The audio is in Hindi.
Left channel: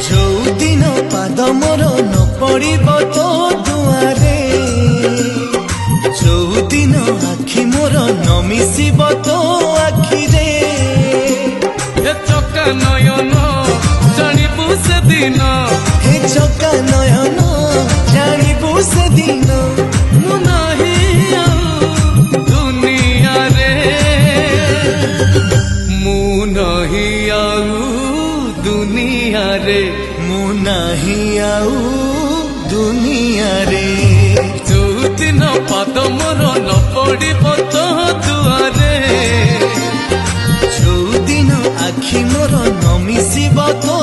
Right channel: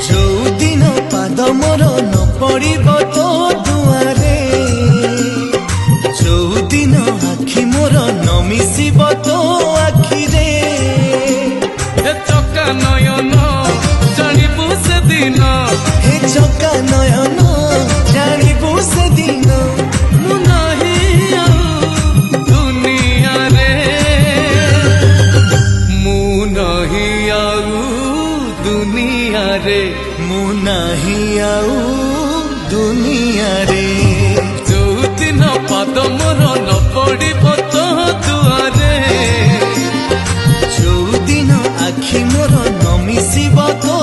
ଯୋଉଦିନ ପାଦ ମୋର ନ ପଡ଼ିବ ତୋ ଦୁଆରେ, ଯୋଉଦିନ ଆଖି ମୋର ନ ମିଶିବ ତୋ ଆଖିରେ। हे चका नयन जानिबु सेदिन, हे चका नयन जानिबु सेदिन, मु नाही आउ दुनिया रे, मु नाही आउ दुनिया रे, मु नाही आउ दुनिया रे। जोदिन पाद मोर न पड़िब तो दुआरे, ଯୋଉଦିନ ଆଖି ମୋର ନ ମିଶିବ ତୋ